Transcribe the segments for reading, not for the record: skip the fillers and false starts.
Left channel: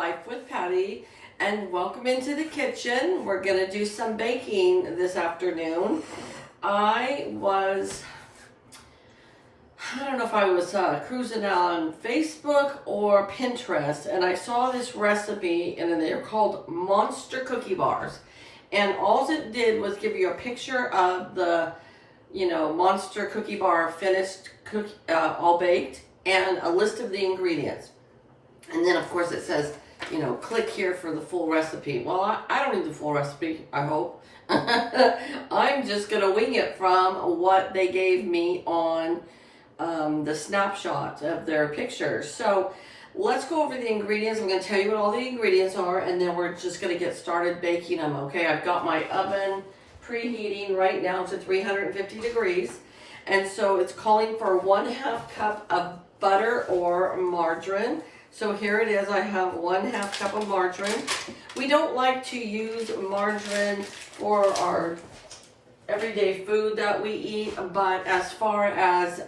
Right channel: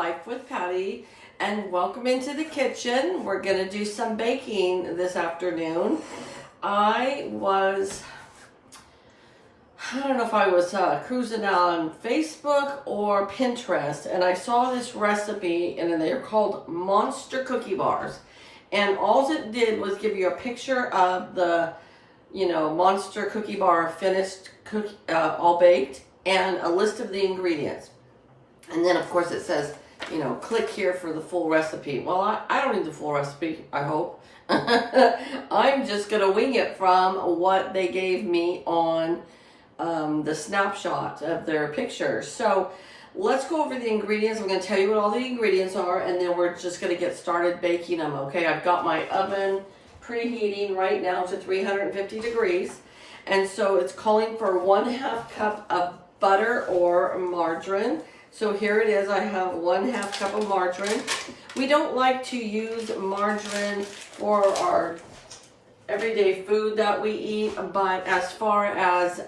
Life with Patty, and welcome into the kitchen. We're going to do some baking this afternoon. I don't know if I was cruising on Facebook or Pinterest, and I saw this recipe, and they're called Monster Cookie Bars. And all it did was give you a picture of the, Monster Cookie Bar finished, all baked, and a list of the ingredients. And then, of course, it says, click here for the full recipe. Well, I don't need the full recipe, I hope. I'm just going to wing it from what they gave me on the snapshot of their pictures. So let's go over the ingredients. I'm going to tell you what all the ingredients are, and then we're just going to get started baking them, okay? I've got my oven preheating right now to 350 degrees. And so it's calling for 1/2 cup of butter or margarine. So here it is, I have 1/2 cup of margarine. We don't like to use margarine for our everyday food that we eat, but as far as,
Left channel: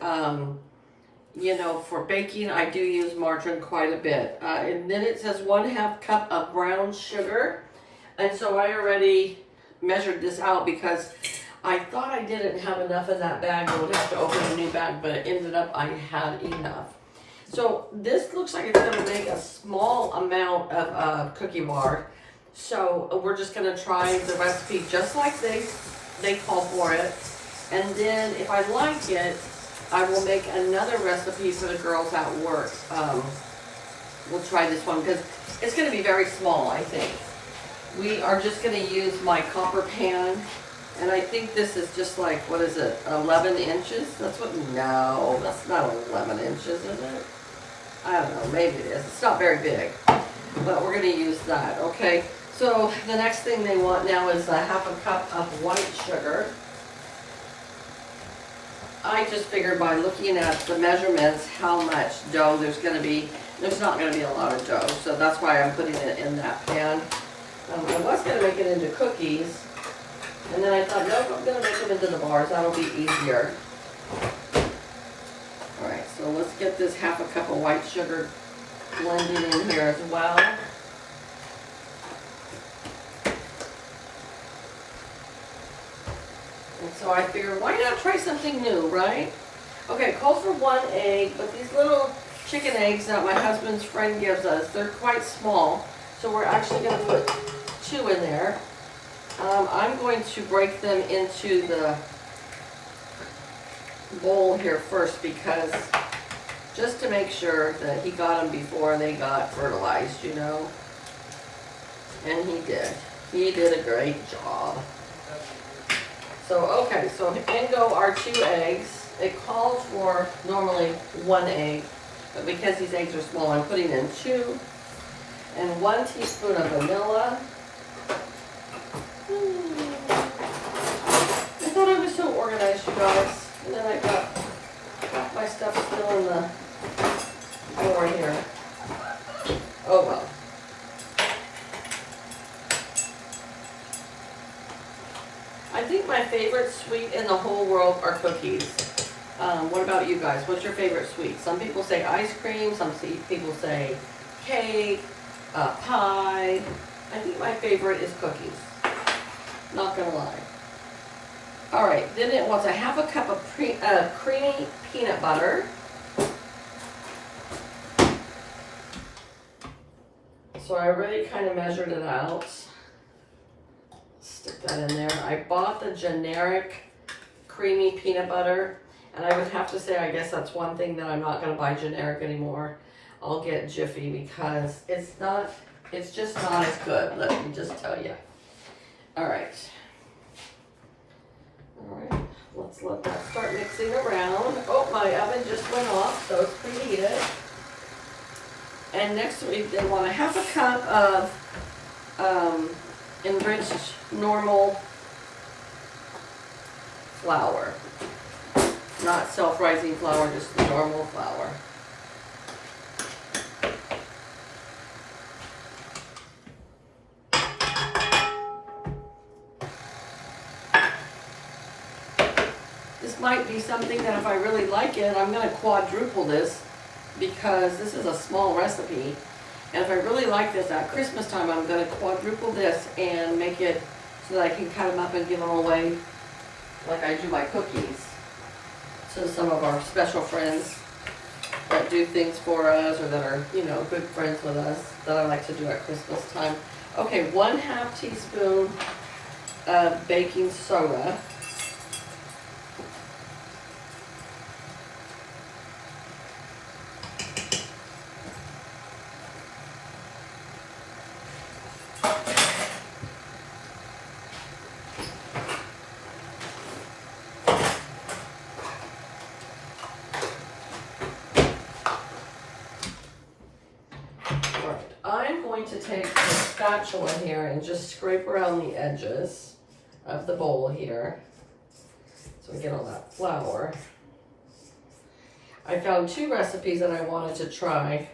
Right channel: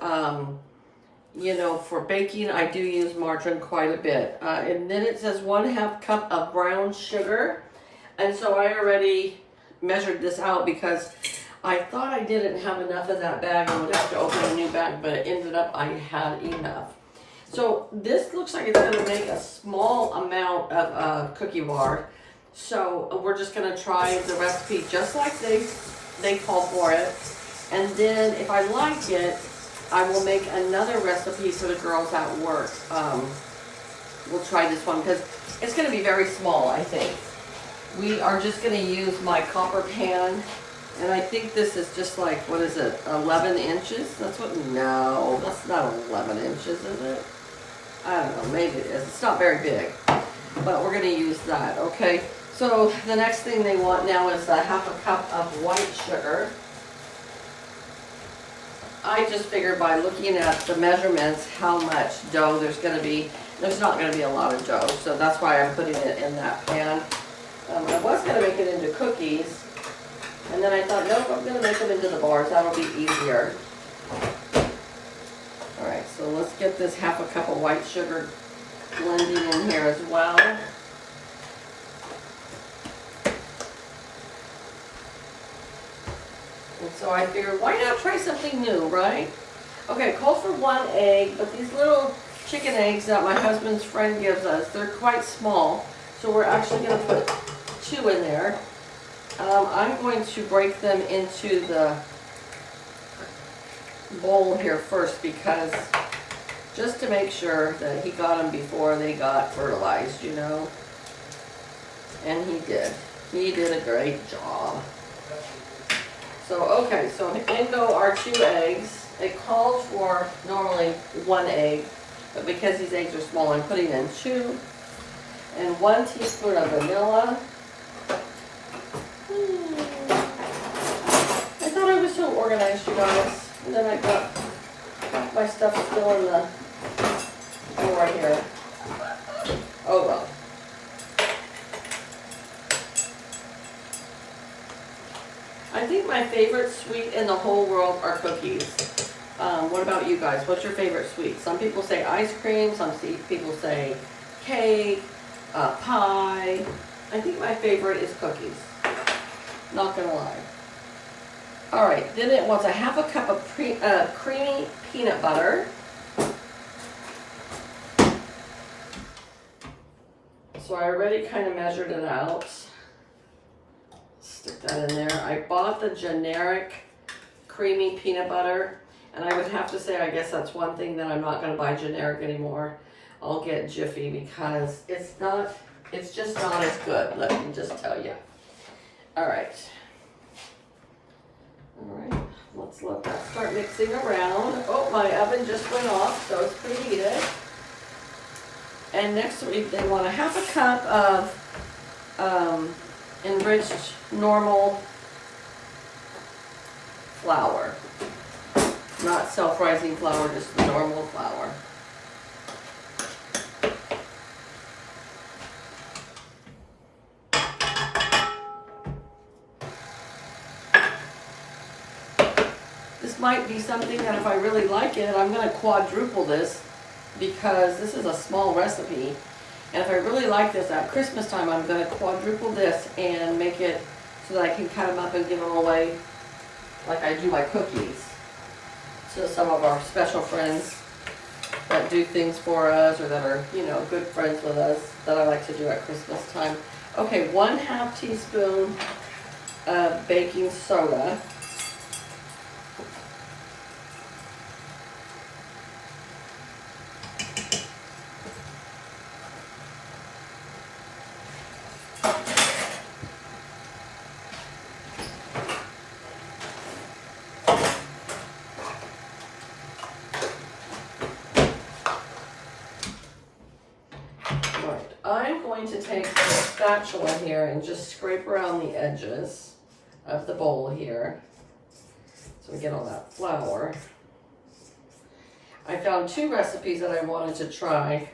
for baking, I do use margarine quite a bit. And then it says 1/2 cup of brown sugar. And so I already measured this out because I thought I didn't have enough of that bag. I would have to open a new bag, but it ended up I had enough. So this looks like it's going to make a small amount of cookie bar. So we're just going to try the recipe just like they call for it. And then if I like it, I will make another recipe for the girls at work. We'll try this one because it's going to be very small, I think. We are just going to use my copper pan. And I think this is just like, 11 inches? No, that's not 11 inches, is it? I don't know, maybe it is. It's not very big, but we're going to use that, okay? So the next thing they want now is 1/2 cup of white sugar. I just figured by looking at the measurements how much dough there's going to be. There's not going to be a lot of dough, so that's why I'm putting it in that pan. I was going to make it into cookies, and then I thought, nope, I'm going to make them into the bars. That'll be easier. Alright, so let's get this 1/2 cup of white sugar blended in here as well. And so I figured, why not try something new, right? Okay, it calls for 1 egg, but these little chicken eggs that my husband's friend gives us, they're quite small. So we're actually going to put 2 in there. I'm going to break them into the bowl here first because just to make sure that he got them before they got fertilized, and he did a great job. So okay, so in go our 2 eggs. It calls for normally 1 egg, but because these eggs are small, I'm putting in 2, and 1 teaspoon of vanilla. I thought I was so organized, you guys. And then I got my stuff still in the drawer here. Oh well. I think my favorite sweet in the whole world are cookies. What about you guys? What's your favorite sweet? Some people say ice cream. Some people say cake, pie. I think my favorite is cookies. Not gonna lie. All right, then it wants 1/2 cup of creamy peanut butter. So I already kind of measured it out. Stick that in there. I bought the generic creamy peanut butter, and I would have to say, I guess that's one thing that I'm not going to buy generic anymore. I'll get Jiffy because it's just not as good, let me just tell you. All right. Alright, let's let that start mixing around. Oh, my oven just went off, so it's preheated. And next they want 1/2 cup of enriched normal flour. Not self-rising flour, just normal flour. This might be something that if I really like it, I'm going to quadruple this because this is a small recipe. And if I really like this at Christmas time, I'm going to quadruple this and make it so that I can cut them up and give them away like I do my cookies. So some of our special friends that do things for us or that are, you know, good friends with us that I like to do at Christmas time. Okay, 1/2 teaspoon of baking soda. I'm going to take the spatula here and just scrape around the edges of the bowl here so we get all that flour. I found 2 recipes that I wanted to try,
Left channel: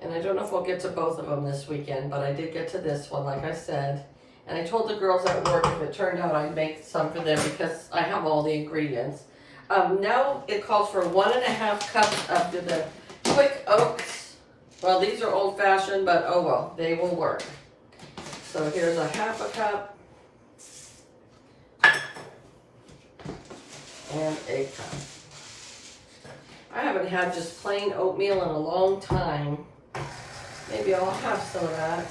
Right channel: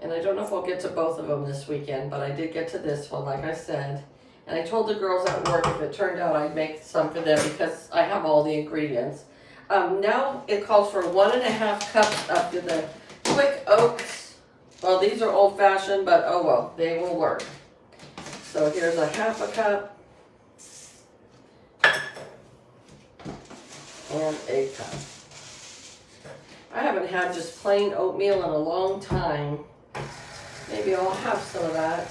and I don't know if I'll get to both of them this weekend, but I did get to this one, like I said. And I told the girls at work if it turned out I'd make some for them because I have all the ingredients. Now it calls for 1.5 cups of the quick oats. Well, these are old-fashioned, but oh well, they will work. So here's 1/2 cup and 1 cup. I haven't had just plain oatmeal in a long time. Maybe I'll have some of that.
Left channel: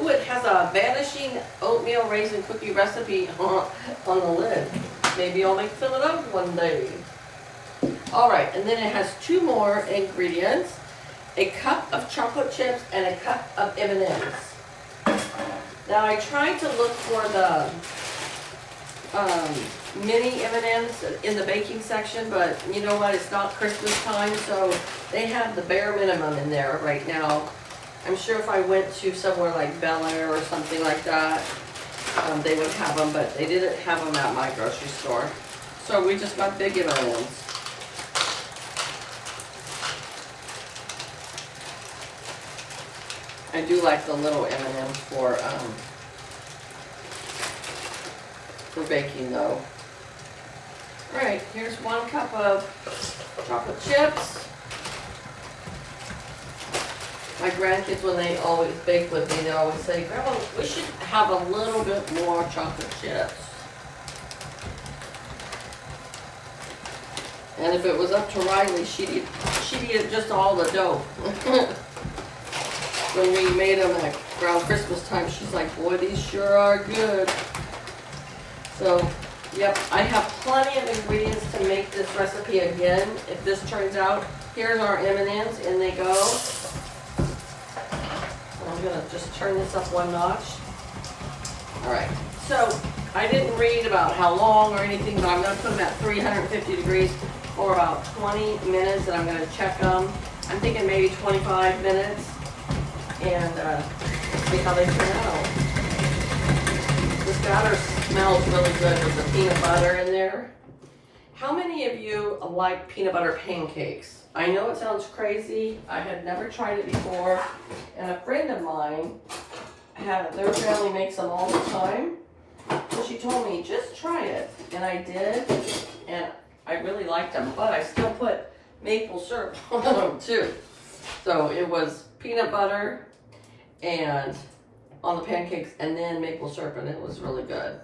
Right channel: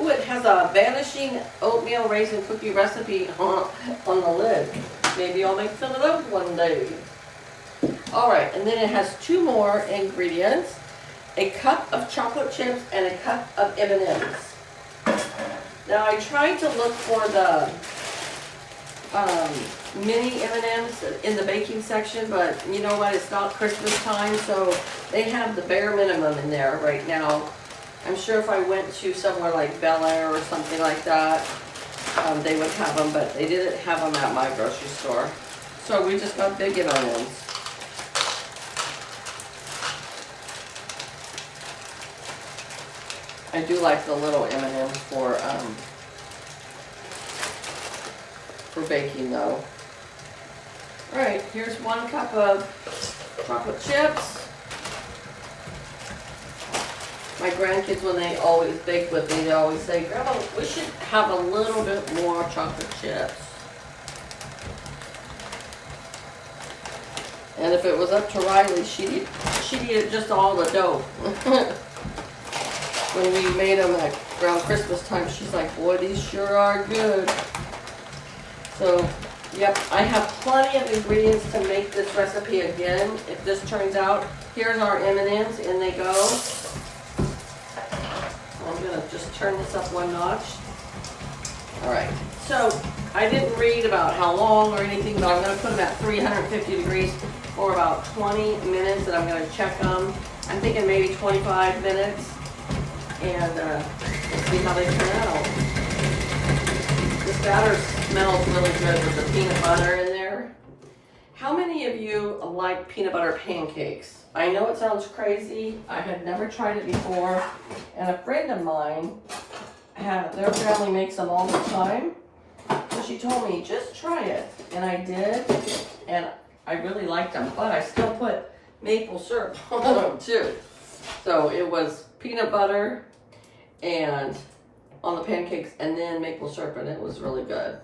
Ooh, it has a vanishing oatmeal raisin cookie recipe on the lid. Maybe I'll make some of those one day. All right, and then it has 2 more ingredients. 1 cup of chocolate chips and 1 cup of M&Ms. Now I tried to look for the mini M&Ms in the baking section, but you know what? It's not Christmas time, so they have the bare minimum in there right now. I'm sure if I went to somewhere like Bel Air or something like that, they would have them, but they didn't have them at my grocery store. So we just got big M&Ms. I do like the little M&Ms for baking though. All right, here's 1 cup of chocolate chips. My grandkids, when they always bake with me, they always say, Grandma, we should have a little bit more chocolate chips. And if it was up to Riley, she'd eat just all the dough. When we made them around Christmas time, she's like, boy, these sure are good. So, yep, I have plenty of ingredients to make this recipe again. If this turns out, here's our M&Ms, in they go. I'm gonna just turn this up 1 notch. All right, so I didn't read about how long or anything, but I'm gonna put them at 350 degrees for about 20 minutes, and I'm gonna check them. I'm thinking maybe 25 minutes. And see how they turn out. This batter smells really good with the peanut butter in there. How many of you like peanut butter pancakes? I know it sounds crazy. I had never tried it before. And a friend of mine, their family makes them all the time. So she told me, just try it. And I did. And I really liked them. But I still put maple syrup on them too. So it was peanut butter and on the pancakes and then maple syrup, and it was really good.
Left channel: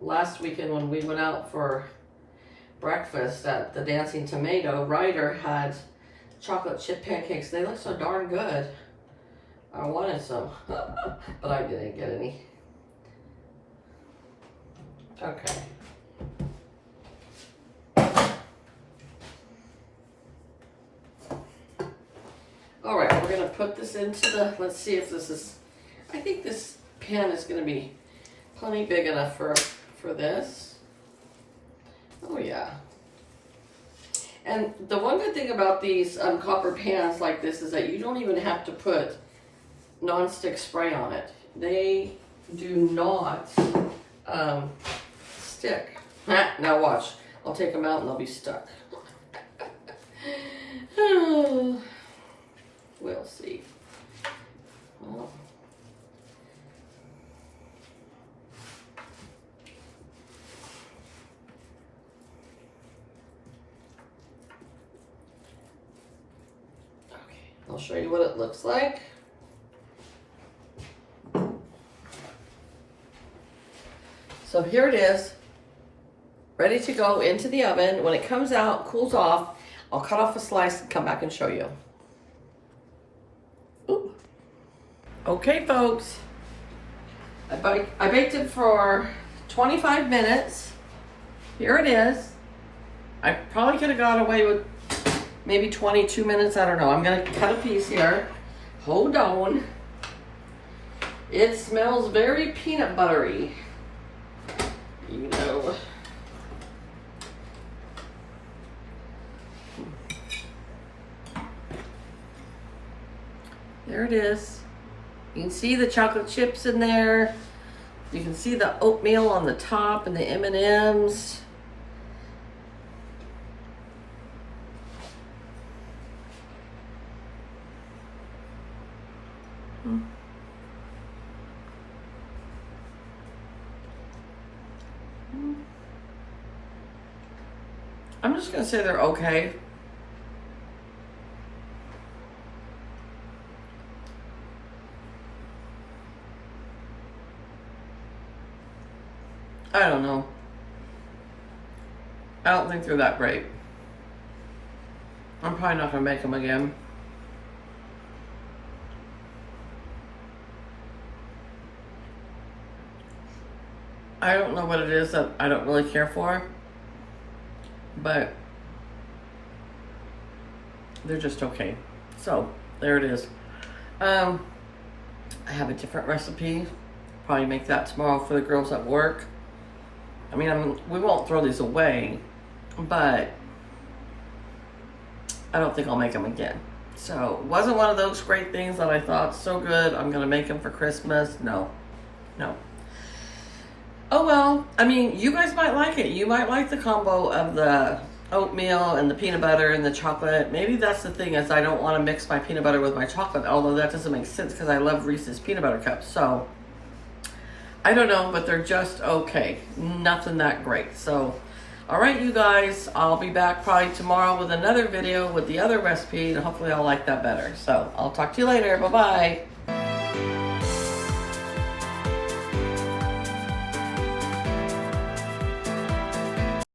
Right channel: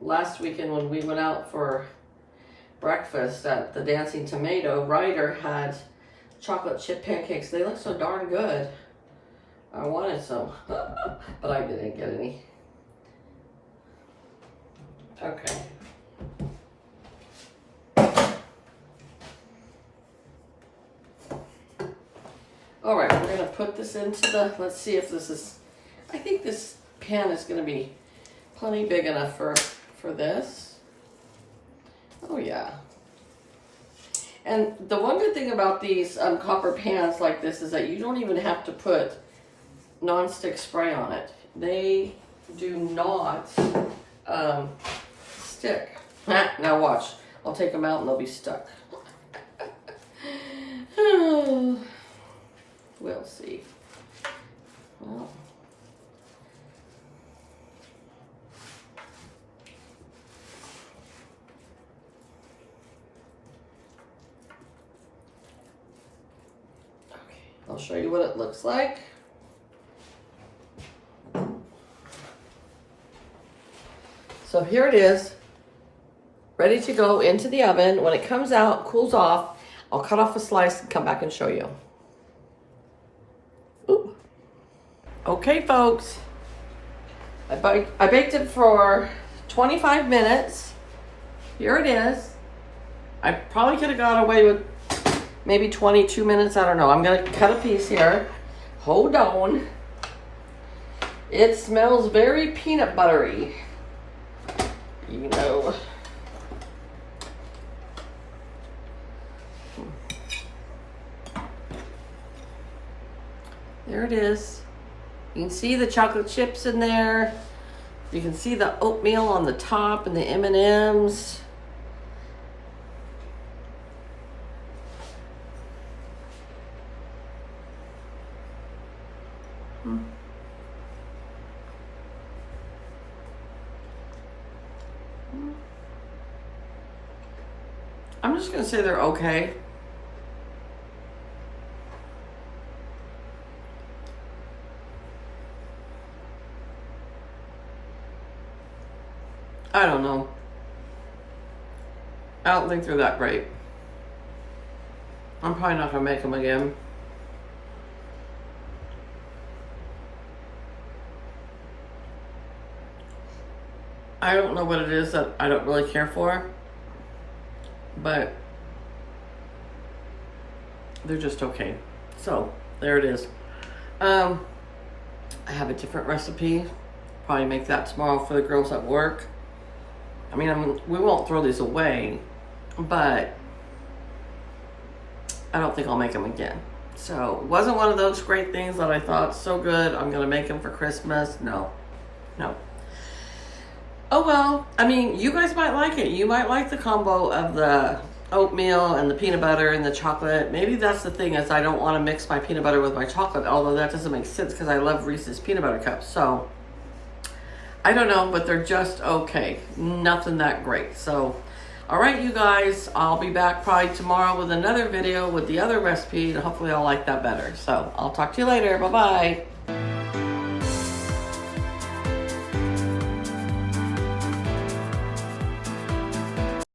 Last weekend when we went out for breakfast at the Dancing Tomato, Ryder had chocolate chip pancakes. They look so darn good. I wanted some, but I didn't get any. Okay. All right, we're gonna put this into the, let's see if this is, I think this pan is gonna be plenty big enough for this. Oh yeah. And the one good thing about these copper pans like this is that you don't even have to put nonstick spray on it. They do not stick. Now watch, I'll take them out and they'll be stuck. We'll see. Well. I'll show you what it looks like. So here it is, ready to go into the oven. When it comes out, cools off, I'll cut off a slice and come back and show you. Ooh. Okay, folks. I baked it for 25 minutes. Here it is. I probably could have got away with maybe 22 minutes. I don't know. I'm going to cut a piece here. Hold on. It smells very peanut buttery. You know. There it is. You can see the chocolate chips in there. You can see the oatmeal on the top and the M&Ms. I'm just gonna say they're okay. I don't know. I don't think they're that great. I'm probably not gonna make them again. I don't know what it is that I don't really care for, but they're just okay. So there it is. I have a different recipe. Probably make that tomorrow for the girls at work. I mean, we won't throw these away, but I don't think I'll make them again. So it wasn't one of those great things that I thought so good, I'm gonna make them for Christmas. No. Oh well, I mean, you guys might like it. You might like the combo of the oatmeal and the peanut butter and the chocolate. Maybe that's the thing, is I don't want to mix my peanut butter with my chocolate, although that doesn't make sense because I love Reese's peanut butter cups. So I don't know, but they're just okay. Nothing that great. So, all right, you guys, I'll be back probably tomorrow with another video with the other recipe, and hopefully I'll like that better. So I'll talk to you later. Bye-bye.